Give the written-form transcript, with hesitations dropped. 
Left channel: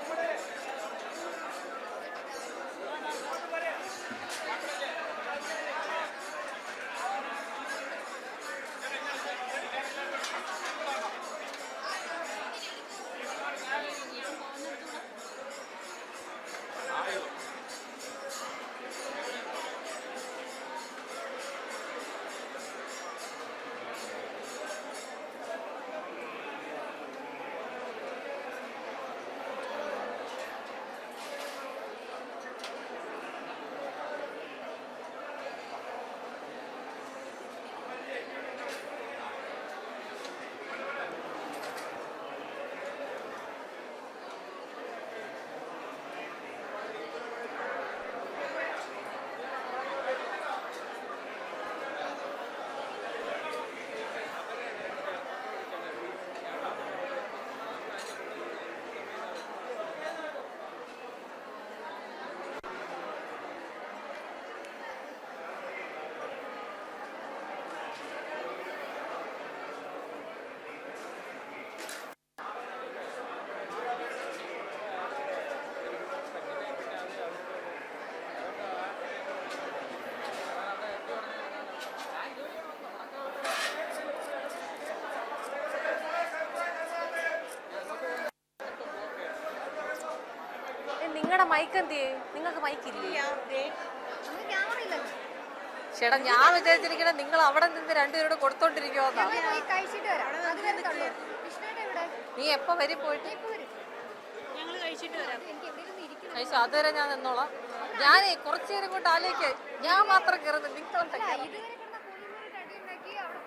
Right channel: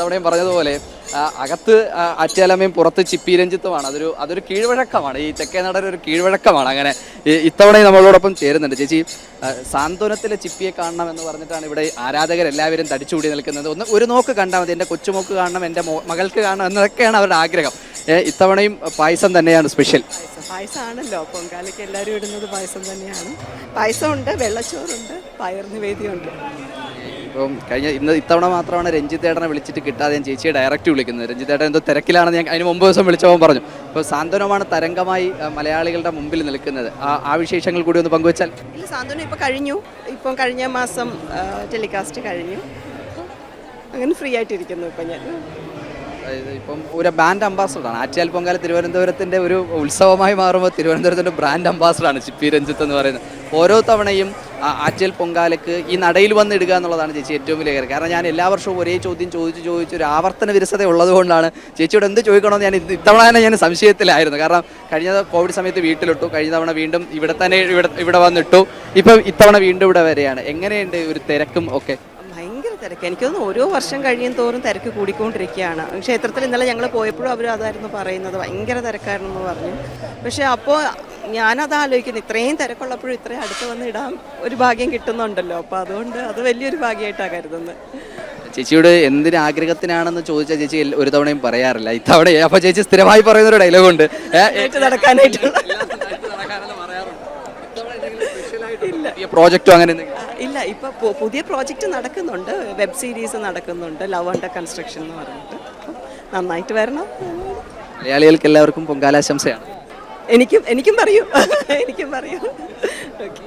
തവണയും പറഞ്ഞതുപോലെ അകത്ത് ആറ്റുകാലമ്മയും പുറത്ത് ചിപ്പി രഞ്ജിത്തുമാണ്. അതൊരു കീഴ്വഴക്കമാണ്. ഈ തെക്കേ നടൻ ഒരു കീഴ്വഴക്കമാണ്. അങ്ങനെ ഇത്തവണയും നമ്മളോടൊപ്പം ചേരുന്നുണ്ട്. ചേച്ചി, സാന്ത്വനത്തിലെ ചിപ്പിയെ കാണണം എന്ന് പറഞ്ഞിട്ടാണ് ഇവിടെ ആരാധകരെല്ലാവരും തടിച്ചുകൂടി നിൽക്കുന്നത്. ഒരു നോക്ക് കണ്ടാൽ മതി, എൻ്റെ കൊച്ചുമോക്ക് കാണണം, എൻ്റെ മകൾക്ക് കാണണം എന്നതൊക്കെയാണ് അവരുടെ ആഗ്രഹം. ഇത്തവണയും പായസം തന്നെയാണ് സ്പെഷ്യൽ. പായസമാണല്ലോ പൊങ്കാലയ്ക്ക് എല്ലാവരും ഇടുന്നത്, പായസം തന്നെയാണ്. പായസമുണ്ട്, വെള്ളച്ചോറുണ്ട്, പയർ നിവേദ്യമുണ്ട്. ഇപ്പം ഇത്തവണ മാത്രമാണ് രഞ്ജിത്തേട്ടനെ വിളിച്ചിട്ട് കിട്ടാതെ ഞാൻ ചേച്ചിയെ ഡയറക്റ്റ് വിളിക്കുന്നത്. രഞ്ജിത്തേട്ടൻ എന്തോ തിരക്കിലാണെന്ന് ഞാൻ അതിന് മുമ്പ് ദിവസം വിളിച്ചപ്പോൾ പറഞ്ഞു. ഇപ്പോൾ സാന്ത്വനമാണ് തരംഗമായി മലയാളികളുടെ മുമ്പിൽ നിൽക്കുന്നത്. ആ വിശേഷങ്ങൾ കൂടി ഒന്ന് പങ്കുവച്ചാൽ. സാന്ത്വനം ഇപ്പോൾ കഴിഞ്ഞു, ഇപ്പം കഴിഞ്ഞ മാസം ടെലികാസ്റ്റ് കഴിഞ്ഞു. അങ്ങനെ ഫ്രീ ആയിട്ടിരിക്കുന്നു ഇപ്പം ഞാൻ. ഇപ്പം ഒരു ബ്രാൻഡ് അംബാസഡറാണ്. ആറ്റുകാൽ പൊങ്കാല തിരുവനന്തപുരത്തിൻ്റെ ഒരു ഉത്സവമായി മാറുമ്പോൾ തിരുവനന്തപുരത്തിൻ്റെ ബ്രാൻഡ് അംബാസഡറാണ് ചിപ്പി രഞ്ജിത്ത് എന്ന് പറയുന്നത്. ഓരോ തവണയും ആറ്റുകാൽ പൊങ്കാലയ്ക്ക് ഈ നടയിൽ വന്നിടുക എന്നുള്ളതാണ് ചേച്ചി ഏറ്റവും വലിയ കാര്യം. കാരണം ഞാൻ എല്ലാ വർഷവും ഒരേ ചോദ്യം ചോദിച്ച് ഒരു ആവർത്തന വിരസത ഉള്ളതുകൊണ്ടാണ് ചേച്ചിയോട് എന്ത് ചോദിക്കണമെന്ന് ഞാൻ ഇത്തവണ തന്നെ ഞാൻ സംശയത്തിലായിരുന്നു. കാരണം കഴിഞ്ഞ കോവിഡ് സമയത്ത് വീട്ടിലിട്ടു, കഴിഞ്ഞ തവണ വീണ്ടും ഇവിടെ വന്നിട്ടു, ഇപ്പം ഇത്തവണ വീണ്ടും ഇവിടെ വരെയാണ്. എങ്ങനെയുണ്ട് ഒരു തിരക്കും ഒക്കെ? ഭയങ്കര തിരക്ക്. എനിക്ക് തോന്നുന്നു ഓരോ വർഷം കഴിയും തോറും തിരക്ക് കൂടിക്കൊണ്ടിരിക്കുകയാണ്. ക്ഷേത്രത്തിൽ ഇന്നലെ ഞങ്ങൾ പോയപ്പോഴും അവർ അതായിരുന്നു പറയുന്നത്, ഭയങ്കര തിരക്കായിരുന്നെന്ന് പറഞ്ഞു. പക്ഷേ അപ്പോൾ ഞാനത് ആലോചിക്കുന്നു, ഇത്രയും തിരക്കുള്ളപ്പോഴും ഇത്രയും അടുത്ത് വന്ന് ഇടാൻ ഒരു ഭാഗ്യം കിട്ടുന്നുണ്ടല്ലോ. അപ്പോൾ അതുകൊണ്ട് അത് വലിയൊരു ഭാഗ്യമായിട്ടാണ് കരുതുന്നത്. ചേച്ചിയോട് എന്തിന് ആഗ്രഹത്തിനാണെന്ന് ചോദിച്ചാൽ ചേച്ചി ഒരു തവണയും പറയാറില്ല. ഇത്തവണ അപ്പോൾ ചേച്ചി സ്ഥിരമായി പറയുന്നൊരു ഡയലോഗുണ്ട്, നടക്കാനായിട്ടുള്ള പ്രോജക്റ്റും അങ്ങനെ ഇല്ല. ഇപ്പോൾ പുതിയ പ്രോജക്റ്റ് നടക്കുന്നുണ്ട്, വെബ് സീരീസ് നടക്കുന്നുണ്ട്, ലവ് അണ്ടർ കൺസ്ട്രക്ഷൻ എന്ന് പറഞ്ഞിട്ട്. നന്നായിട്ട് വരണം. മലയാളികൾക്ക് എല്ലാവർക്കും പൊങ്കാലാശംസയാണ്. എനിക്കും പറയൂ. ഓക്കെ.